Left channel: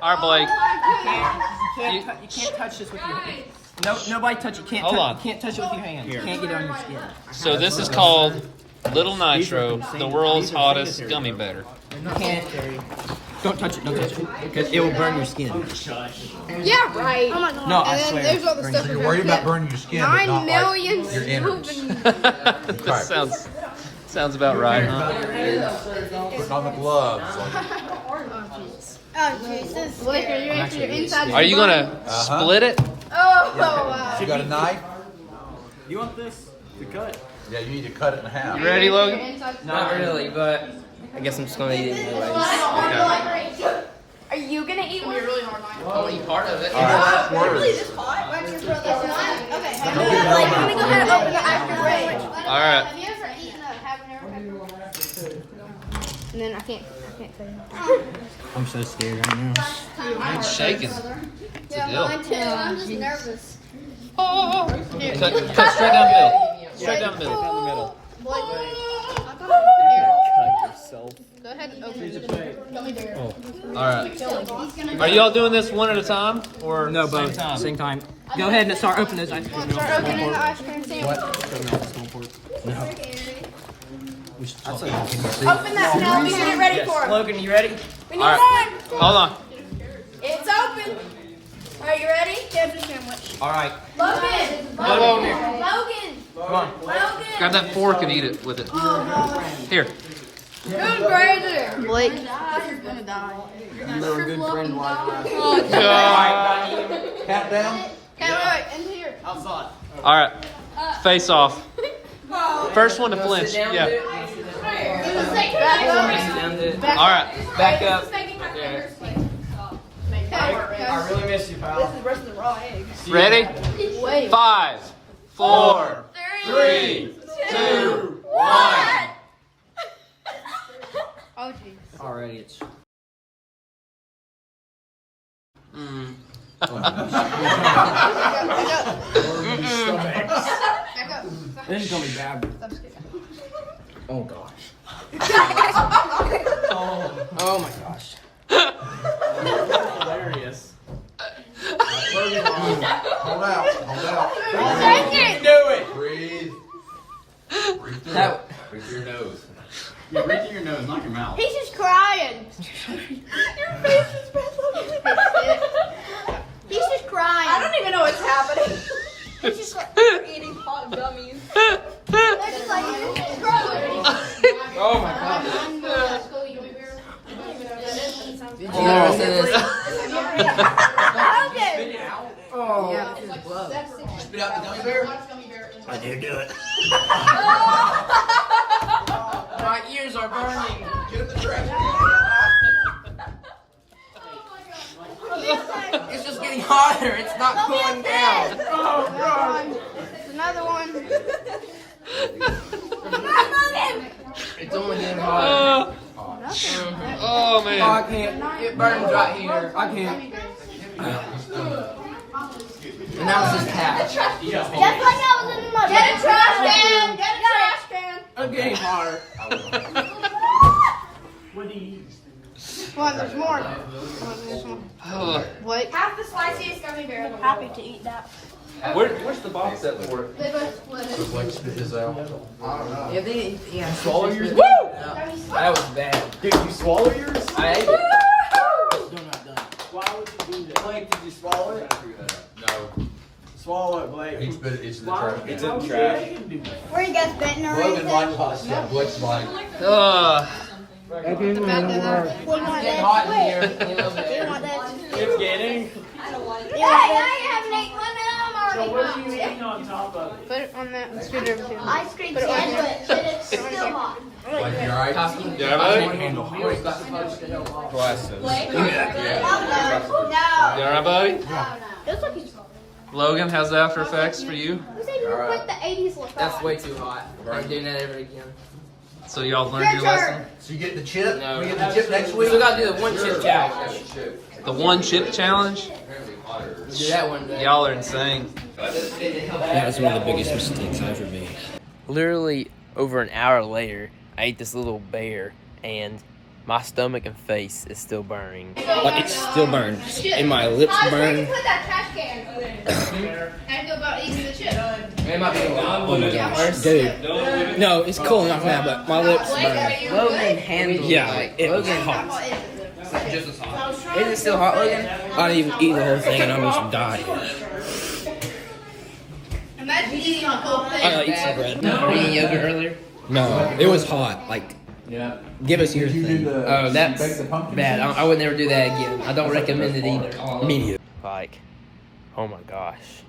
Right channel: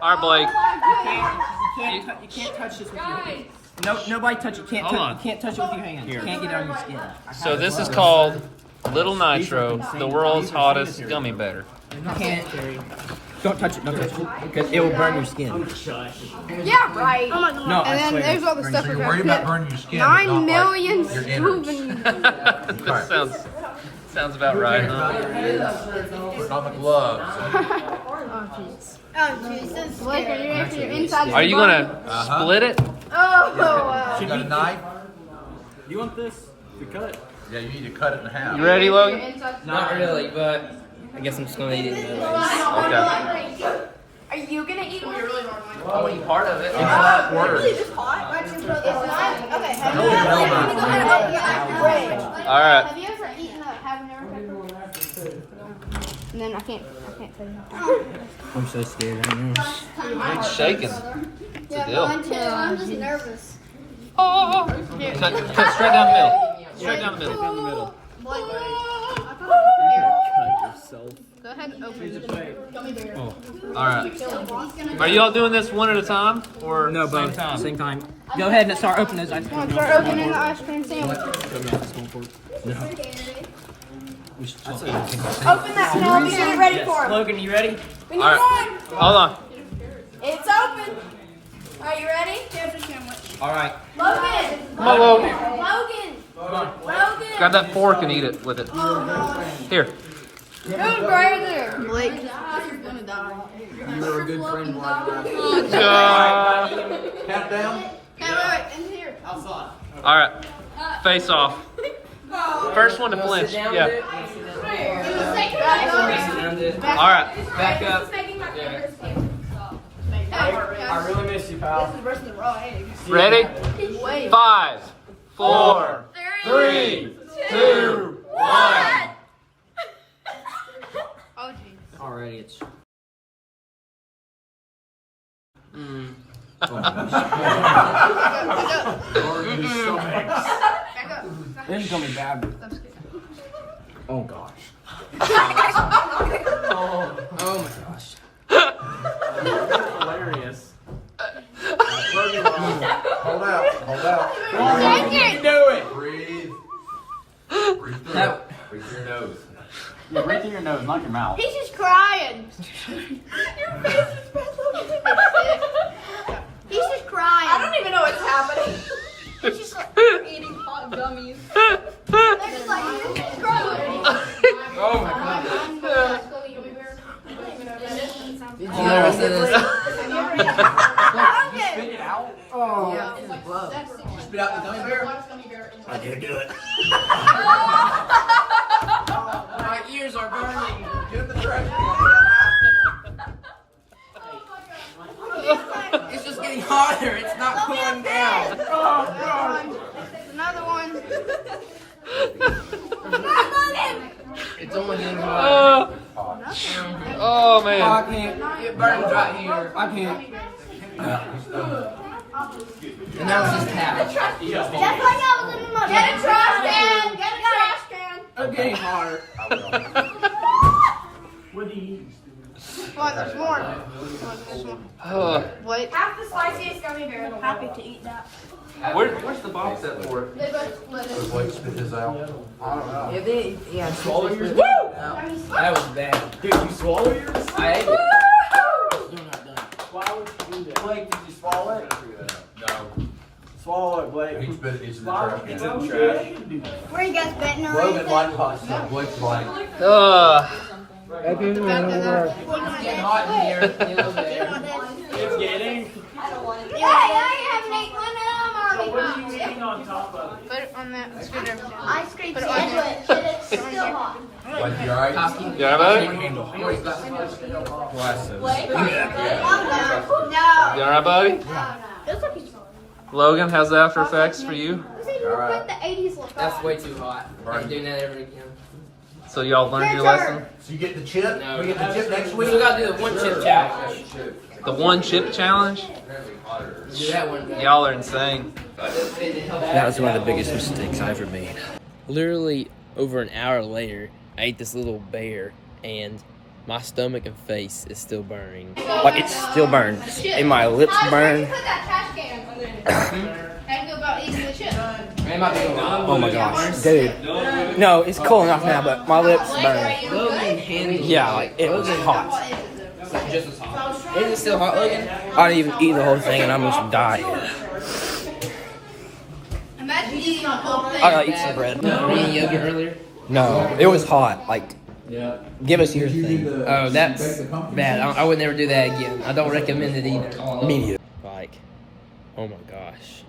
All right, Blake. You can't touch this with your hand. No, nobody touch it. Hold on. You can't touch it with your hand. You can't get it on your skin. So this is called Lilnitro, the world's hottest gummy bear. You can't. Don't touch it. Don't touch it. Because it will burn your skin. Yeah, right. No, I And then swear. there's all the stuff. You're worried about burning your skin. but 9 not million like your innards. scooping. This sounds about right, huh? Put on the gloves. Oh, Jesus. What? You're making your inside. Are you gonna split it? Oh, You got a knife? You want this to cut? Yeah, you need to cut it in half. You ready, Logan? Not really, but I guess I'm just gonna eat it anyways. Okay. Are you gonna eat one? Really hard. I want to eat part of it. Really just hot? Why don't you throw this in? All right. Have you ever eaten a habanero pepper? And then I can't fit it. I'm so scared right now. It's shaking. It's a deal. Mine too. I'm just nervous. Cut straight down the middle. Straight down the middle. Down the middle. Go ahead and open it. Oh. All right. Are y'all doing this one at a time or No, same both. time? Same time. Go ahead and start opening those ice cream. Start opening the ice cream sandwich. Open that milk and get ready for it. Logan, you ready? We need All right. one. Hold on. It's open. Are you ready? There's the sandwich. All right. Logan. Whoa, Logan. Come on. Logan. Grab that fork and eat it with it. Here. Who's greater? Blake. You're a good friend. Tap down. Yeah, in here. Outside. All right. Face off. First one to flinch. Sit down, Yeah. dude. Sit down, dude. All right. Back up. I really miss you, pal. Ready? 5, 4, 3, 2, 1. Already, it's. This is gonna be bad. Oh gosh. Oh my gosh. Hilarious. Hold out. Hold out. Do it. Breathe. That. Breathe through your nose. Yeah, breathe through your nose, not your mouth. He's just crying. Your face is He's just crying. I don't even know what's happening. He's just like eating hot gummies. He's like, he's crying. Oh my god. Oh. Spit out the gummy bear. I did do it. My ears are burning. It's just getting hotter. It's not cooling down. Oh god. Another one. It's only getting hotter. Oh I man. can't. It burns right here. I can't. And now it's just patch. Get a trash can. Get a trash can. I'm getting hotter. Well, there's more. Oh. What? Half the spiciest gummy bear. I'm happy to eat that. Where's the box set for it? Blake, spit this out. Yeah, they, yeah. Swallow yours? That was bad. Dude, you swallow yours? I ate it. Still not done. Why would you do that? Blake, did you swallow it? No. Swallow it, Blake. He spit it. It's in the Why trash would you can. do that? Where you guys been or Logan anything? likes hot stuff. Blake's like. It's getting hot in here. A little bit. It's getting. Yeah, I haven't eaten one of them So what already. are you eating on top of? Put it on that. Let's get it over here. Ice cream sandwich, but it's still hot. Like, you alright? Yeah, buddy? You alright, buddy? Logan, how's the after effects for you? Who said you put the 80s look That's on? way too hot. I'm doing that ever again. So y'all learned your lesson? So you get the chip? No. We get the chip next We week? still gotta do the one chip challenge. The one chip challenge? We'll do that one. Y'all are insane. That was one of the biggest mistakes I ever made. Literally over an hour later, I ate this little bear, and My stomach and face is still burning. Like, it's still burned. And my lips burn. Put that trash can. How do you feel about eating the chip? Oh my gosh, dude. No, it's cooling off now, but my lips burn. Yeah, like, it was hot. Is it still hot, Logan? I didn't even eat the whole thing, and I'm just dying. Imagine eating a whole thing. I gotta eat some bread. Were you eating yogurt earlier? No, it was hot. Like, give us your thing. Oh, that's bad. I would never do that again. I don't recommend it either. Me neither. Like, oh my gosh.